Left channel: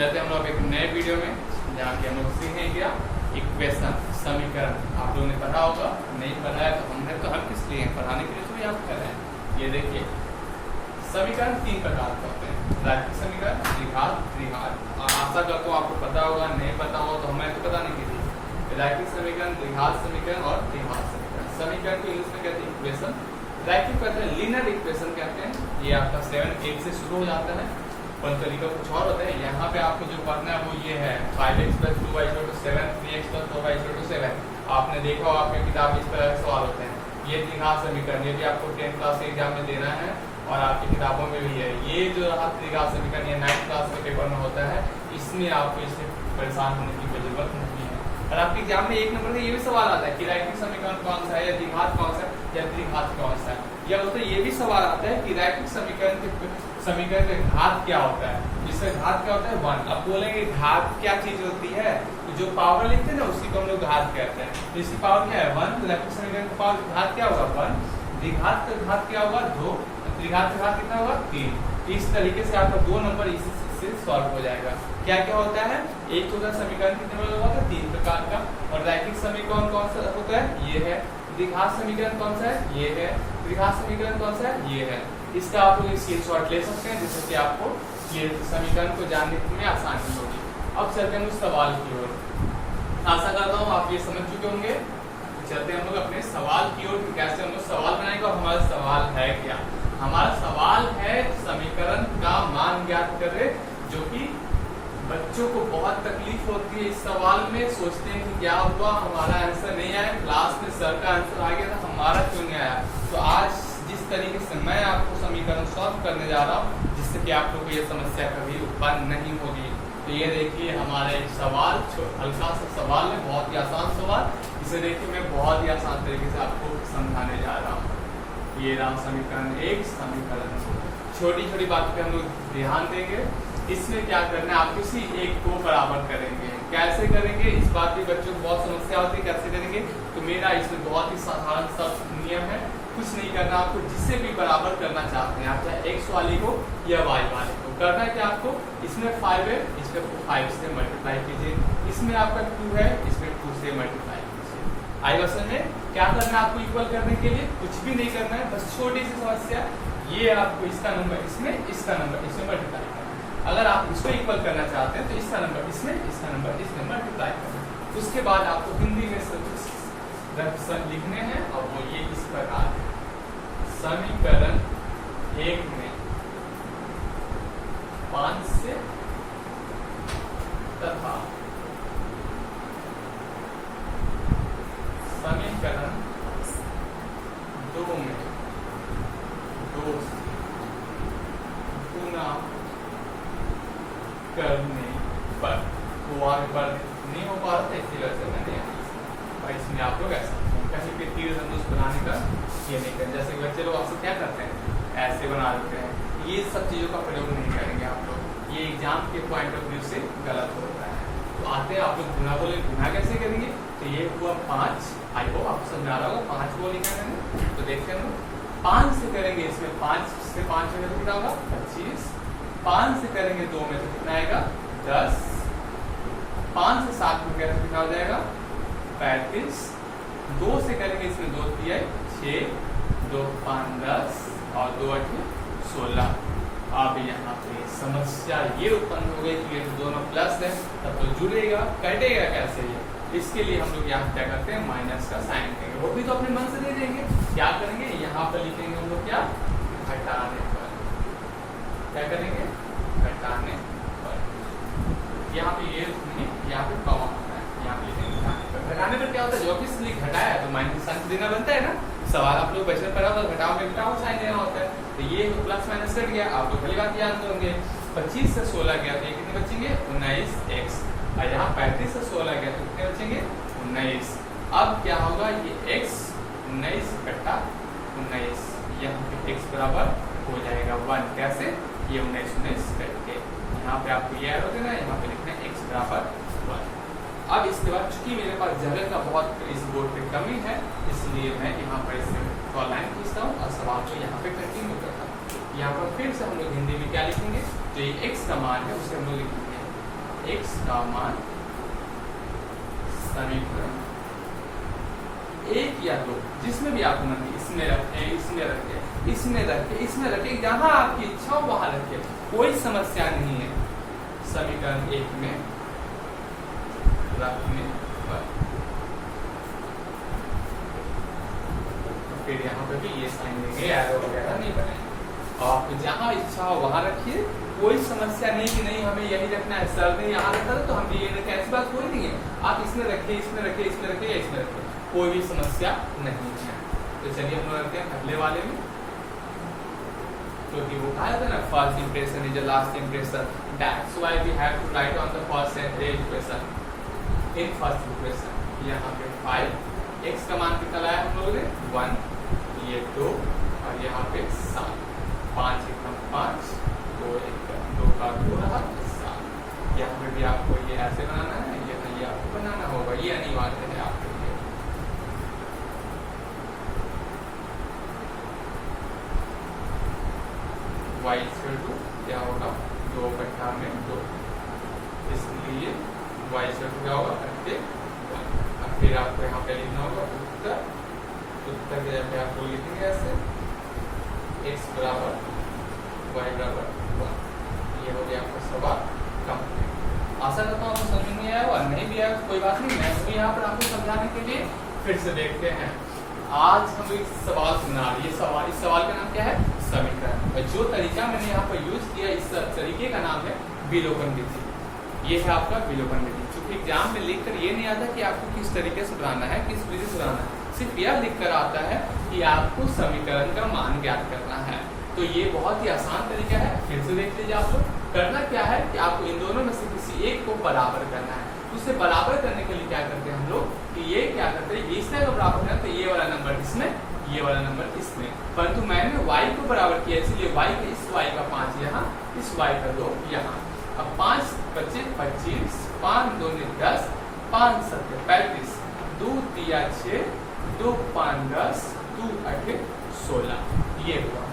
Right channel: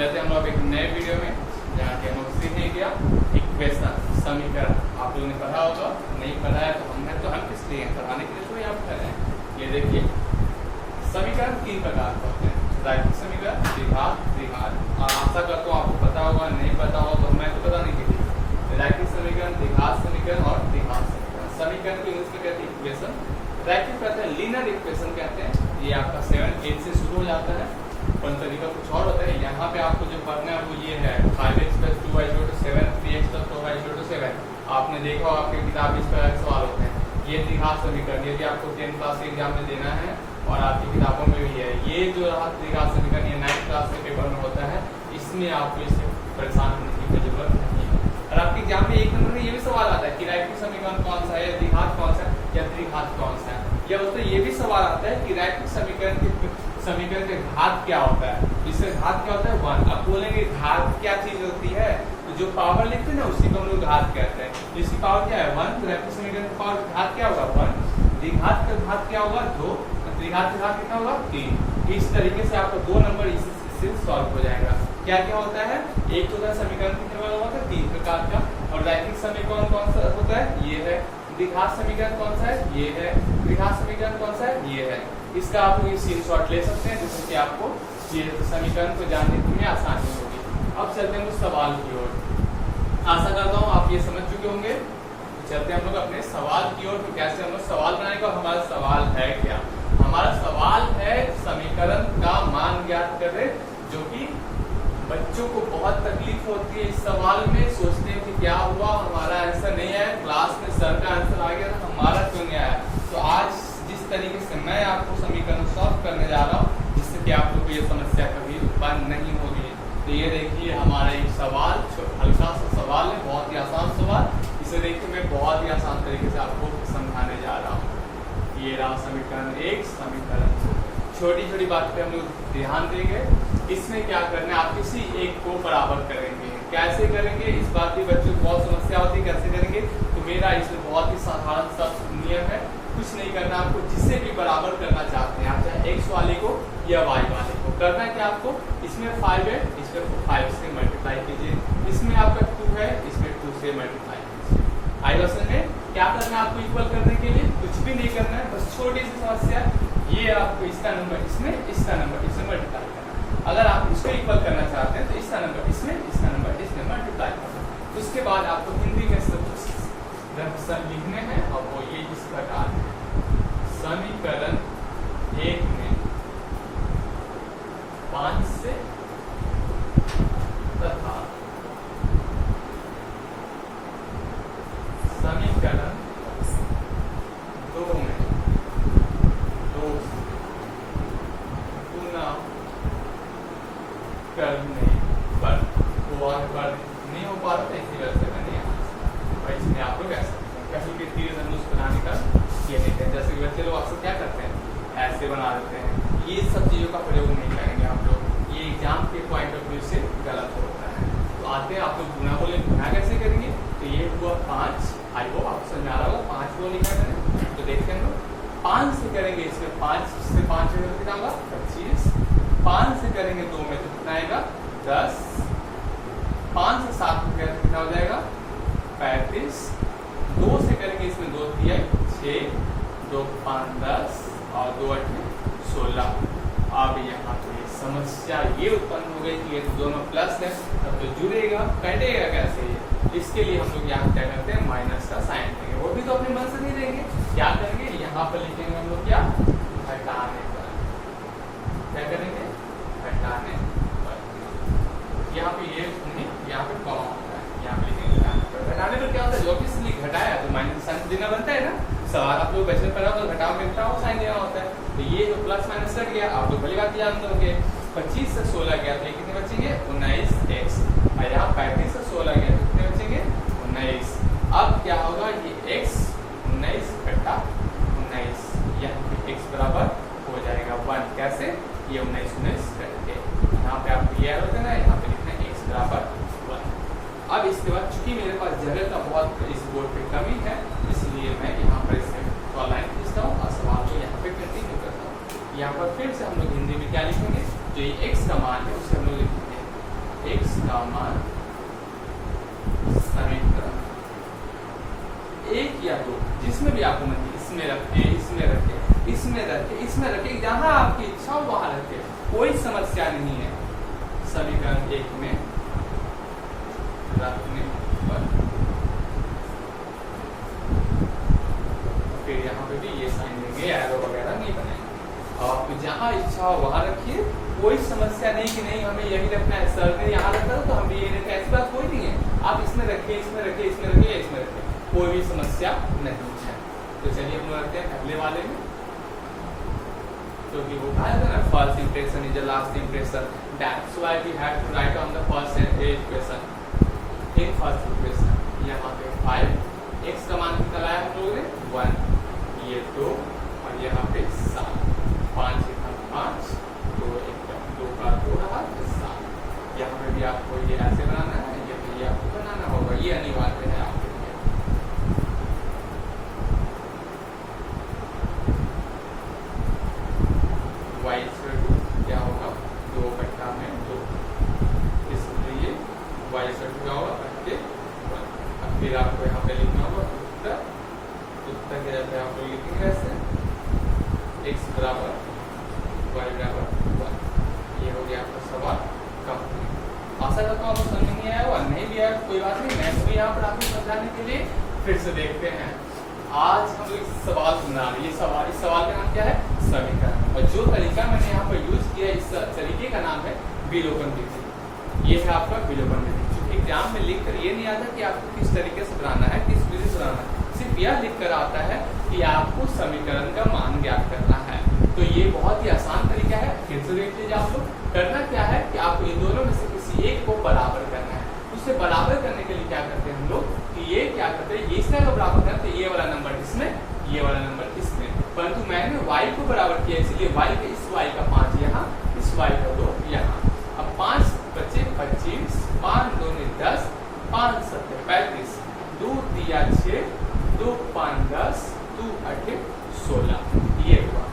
वैसे हम लोग एक नए वीडियो में जहाँ की हम लोग सीखेंगे क्या इक्वेशन समीकरण। आप लोगों ने पढ़ा होगा, नहीं पढ़ा है तो हम किस लिए पढ़ाने के लिए थोड़ी आप कर रहे हैं। ये देखिए समीकरण 3 प्रकार के होते हैं, रैखिक समीकरण, द्विघात, त्रिघात। आशा करता हूँ आपको पता होगा, नहीं पता होगा तो हमें तो बताने के लिए रैखिक समीकरण, द्विघात समीकरण और त्रिघात समीकरण। समीकरण को इंग्लिश में कहते हैं इक्वेशन, रैखिक कहते हैं लीनियर इक्वेशन कहते हैं। ये आपका 7, 8 से शुरू हो जाता है और तरीका कुछ और होता है। यहाँ पे आपको जो पढ़ना है वो ये है 5x + 2y = 7, 3x + 4y = 7। आपने देखा होगा आपके किताब इस तरह के सवाल होते हैं। ये त्रिघात समीकरण यदि आपको 10th क्लास के एग्जाम में देना है और आपकी किताबों में भी है, ये जो त्रिघात समीकरण ये 9th क्लास के पेपर में होता है, इसमें आपको इससे परेशान होने की कोई जरूरत नहीं है। और आपके एग्जाम में 1 नंबर में ये भी सवाल आता है कि रैखिक समीकरण कौन सा है, या द्विघात कौन सा है, या त्रिघात कौन सा है। या तो ये भी सवाल आता है कि रैखिक समीकरण के घात क्या होता है, जिसका घात क्या होता है 1। अब बोलेंगे घात क्या चीज होती है, तो जो पावर लिखते हैं ना उसी को हम लोग घात कहते हैं। जिसकी पावर क्या है 1, तो रैखिक समीकरण का पावर घात क्या होगा 1, द्विघात का घात क्या होगा 2, त्रिघात का घात कितना होगा 3। इस तरीके से आपको 2 नंबर इससे सॉल्व हो जाएगा। क्या क्या होता है, एक होता है समीकरण कितने वाला होता है 3 प्रकार का, और रैखिक समीकरण कौन सा होता है ये है, द्विघात समीकरण कौन सा है ये है, त्रिघात समीकरण कौन सा है ये है। इसका आप लोग स्क्रीनशॉट ले सकते हैं जिससे कि आपको ये समीकरण को जानने में आसानी होगी। अब चलते हैं उस सवाल की ओर। आशा करता हूँ आप ये समझ चुके होंगे। चलते हैं हम लोग अपने सवाल की ओर कि कैसे हम लोग सवाल बनाएंगे और हमारा सवाल है क्या। हमारा सवाल है समीकरण का मान ज्ञात करें, जो कि बच्चों को बहुत तकलीफ होती है इस सवाल में। सोचते हैं कि क्या हुआ हमारा आंसर नहीं आया, क्लास में सर का आंसर आ गया था, हमारा क्यों नहीं आया। तो आज जिस तरीके से मैं आपको समीकरण सॉल्व करने जा रहा हूँ, जिससे कि आप लोग को ये समस्या कभी उत्पन्न नहीं होगी। तो ये देखिए हमारा एक सवाल, हल्का सा सवाल है, बहुत ही आसान सवाल। इसे देखिए मैं बहुत ही आसान तरीके से आपको समझाने जा रहा हूँ। ये रहा समीकरण 1, समीकरण 2। छोटी छोटी बात पे हम लोग ध्यान देंगे। इसमें क्या करना है, आप किसी एक को बराबर करेंगे। कैसे करेंगे इस बात की बच्चों को बहुत समस्या होती है, कैसे करेंगे। तो मेरा इसमें बहुत ही साधारण सा नियम है, कुछ नहीं करना आपको। जिससे भी बराबर करना चाहते हैं आप, चाहे x वाले को या y वाले को, करना है कि आपको इसमें 5 है, इसमें 5 से मल्टीप्लाई कीजिए, इसमें आपका 2 है, इसमें 2 से मल्टीप्लाई कीजिए। आई क्वेश्चन में क्या करना है आपको इक्वल करने के लिए, कुछ भी नहीं करना है, बस छोटी सी समस्या। ये आपको इसका नंबर इसमें, इसका नंबर इसमें मल्टीप्लाई करना। अगर आप इसको इक्वल करना चाहते हैं तो इसका नंबर इसमें, इसका नंबर इसमें मल्टीप्लाई करना। उसके बाद आपको हिंदी में सब लिखने हैं और वो ये इस प्रकार है। समीकरण 1 में 5 से तथा समीकरण 2 में 2 गुना करने पर, वो आगे बढ़ नहीं हो पा रहा था, इसी वजह से मैंने इसमें आप लोग ऐसा कहीं भी तीर धनुष बनाने का ये नहीं करें। जैसे कि बच्चे लोग आपसे क्या करते हैं, ऐसे बना देते हैं। ये सब चीजों का प्रयोग नहीं करेंगे आप लोग, ये एग्जाम के पॉइंट ऑफ व्यू से गलत होता है। तो आते हैं आप लोग गुना बोले, गुना कैसे करेंगे। तो ये हुआ 5, आई होप आपको समझ आ रहा होगा, 5 को लिखा है। तो देखते हैं 5 से करेंगे, इसमें 5 से 5 में कितना होगा 25, 5 से करेंगे 2 में तो कितना आएगा 10, 5 से 7 में करेंगे कितना हो जाएगा 35, 2 से करेंगे इसमें 2 दिया 6, 2 5 10 और 2 8 16। अब यहाँ तो ये समस्या ये उत्पन्न हो गई कि ये दोनों प्लस है, तब तो जुड़ेगा, कटेगा कैसे ये। इसके लिए हम लोग यहाँ क्या करते हैं, माइनस का साइन देंगे। वो भी तो अपने मन से नहीं देंगे, क्या करेंगे यहाँ पर लिखेंगे हम लोग क्या, घटाने पर। क्या करेंगे, घटाने पर। यहाँ पे ये यहाँ पे कॉमा होता है, यहाँ पे लिखेंगे घटाने पर। घटाने पर क्या होता है, जो भी इसलिए घटाया तो माइनस साइन देना बनता है ना। सवाल आप लोग बचपन पढ़ा होगा, घटाओ में घटाओ साइन देना होता है। तो ये तो प्लस माइनस कट गया, आप लोग पहली बात जानते होंगे। 25 से 16 गया तो ये कितने बचेंगे 19x, और यहाँ 35 से 16 गया तो कितने बचेंगे 19। अब क्या होगा, ये x 19 घटा 19, यहाँ पे x बराबर हो जाएगा 1। कैसे, ये 19 19 करके यहाँ पे आपको ये होता है ना, यहाँ पे लिखना है x बराबर 1। अब इसके बाद चूंकि मेरे पास जगह का बहुत इस बोर्ड पे कमी है, इसलिए मैं यहाँ पर इसमें लाइन खींचता हूँ और सवाल को यहाँ पे कंटिन्यू करता हूँ। यहाँ पर फिर से हम लोग हिंदी में क्या लिखेंगे, जो ये x का मान है उसे हम लोग लिखेंगे x का मान समीकरण एक या दो जिसमें भी आपको मन इसमें रखे, इसमें रखे, इसमें रखे, इसमें रखे, जहां आपकी इच्छा हो वहां रखे, कोई समस्या नहीं है समीकरण एक में रखने पर। फिर यहाँ पे भी ये साइन देंगे, एरो वगैरह नहीं बनेगा। आप जहां इच्छा हो वहां रखिए, कोई समस्या नहीं कि नहीं हमें यही रखना है, सर ने यहाँ रखा तो हम भी यही रखें, ऐसी बात कोई नहीं है। आप इसमें रखिए, इसमें रखिए, इसमें रखिए, इसमें रखिए, कोई भी समस्या नहीं है। तो चलिए हम लोग रखते हैं अगले वाले में। तो ये वो कहा था ना, first impression is the last impression, that's why we have to write on the first impression in first impression. यहाँ पे 5 x का मान कितना लाया हम लोगों ने 1, ये 2 और यहाँ पे 7, 5 1 5, 2 1 2 का 2 रहा 7। यहाँ पे भी आपको ये ऐसे बनाना है, ये भी आपको बनाना होगा, ये अनिवार्य है आपके लिए। y क्या होगा 2 कट्ठा में 2, इसलिए y क्या होगा 1। अब फिर आपको यहाँ पे लिखना होगा उत्तर की जगह आपको लिखेंगे ऐसे x बराबर y बराबर 1। ये हो गया आपका सवाल कंप्लीट। आशा करता हूँ आपको समझ नहीं आया, और नहीं लिया तो कोई बात नहीं, मैं भी यहाँ पर आपको समझाने के लिए फिर से देखते हैं। आज हम इस सवाल को बना रहे हैं। इस सवाल का नाम क्या है, समीकरण, और जो तरीका मैंने यहाँ पर यूज किया इस तरीके का नाम है विलोपन विधि। ये है आपका विलोपन विधि। क्योंकि एग्जाम में लिख कर ये नहीं आता कि आपको किस तरीके से बनाना है, किस विधि से बनाना है, सिर्फ यह लिख कर आता है कि आपको समीकरण का मान ज्ञात करना है। तो ये बहुत ही आसान तरीका है, फिर से देख लीजिए आप लोग। करना क्या है कि आपको इन दोनों में से किसी एक को बराबर करना है। उसे बराबर करने के लिए क्या करते हैं हम लोग कि ये क्या करते हैं, इसमें अगर बराबर करना तो ये वाला नंबर इसमें, ये वाला नंबर इसमें, परंतु मैंने y को बराबर किया इसलिए y का इस y का 5 यहाँ, इस y का 2 यहाँ। अब 5 बचे 25, 5 2 10, 5 7 35, 2 दिया 6, 2 5 10, 2 8 16, ये हुआ।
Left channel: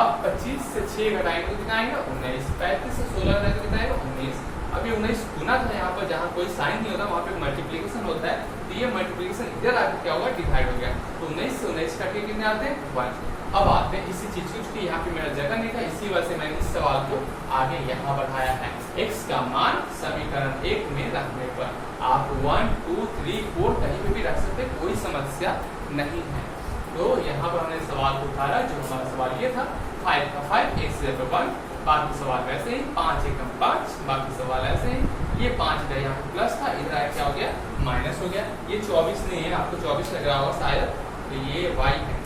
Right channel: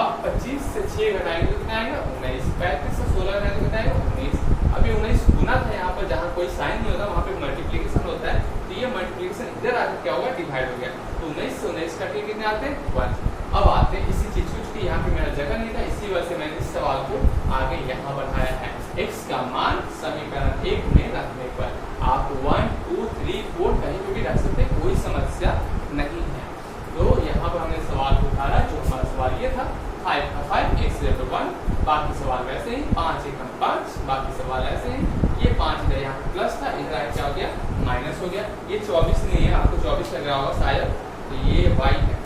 अब 25 से 6 घटाएंगे तो कितना आएगा 19, 35 से 16 घटाएंगे तो कितना आएगा 19। अभी 19 गुना था यहाँ पर, जहाँ कोई साइन नहीं होता वहाँ पे मल्टीप्लीकेशन होता है, तो ये मल्टीप्लीकेशन इधर आकर क्या होगा डिवाइड हो गया। तो 19 से 19 काट के कितने आते हैं 1। अब आते हैं इसी चीज की, यहाँ पे मेरा जगह नहीं था, इसी वजह से मैंने इस सवाल को आगे यहाँ बढ़ाया है। x का मान समीकरण 1 में रखने पर आप 1 2 3 4 कहीं पे भी रख सकते, कोई समस्या नहीं है। तो यहाँ पर हमने सवाल को उतारा, जो हमारा सवाल ये था 5 का 5 x 1, बाकी सवाल वैसे ही 5 1 5, बाकी सवाल ऐसे ही। ये 5 गया यहाँ प्लस था, इधर क्या हो गया माइनस हो गया। ये 24 नहीं है, आपको 24 लग रहा होगा शायद, तो ये y है।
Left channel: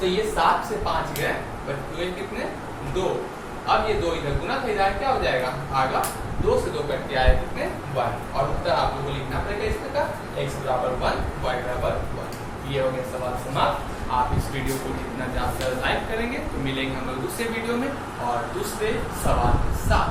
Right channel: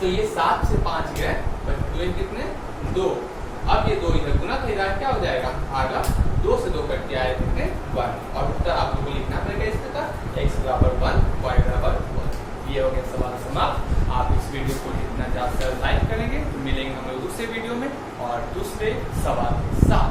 तो ये 7 से 5 गया, बट 2 कितने 2। अब ये 2 इधर गुना था, इधर क्या हो जाएगा भागा, 2 से 2 कट के आए कितने 1, और उत्तर आप लोगों को लिखना पड़ेगा इसका x बराबर 1 y बराबर 1। ये हो गया सवाल समाप्त। आप इस वीडियो को जितना ज्यादा लाइक करेंगे तो मिलेंगे हम लोग दूसरे वीडियो में और दूसरे सवाल के साथ।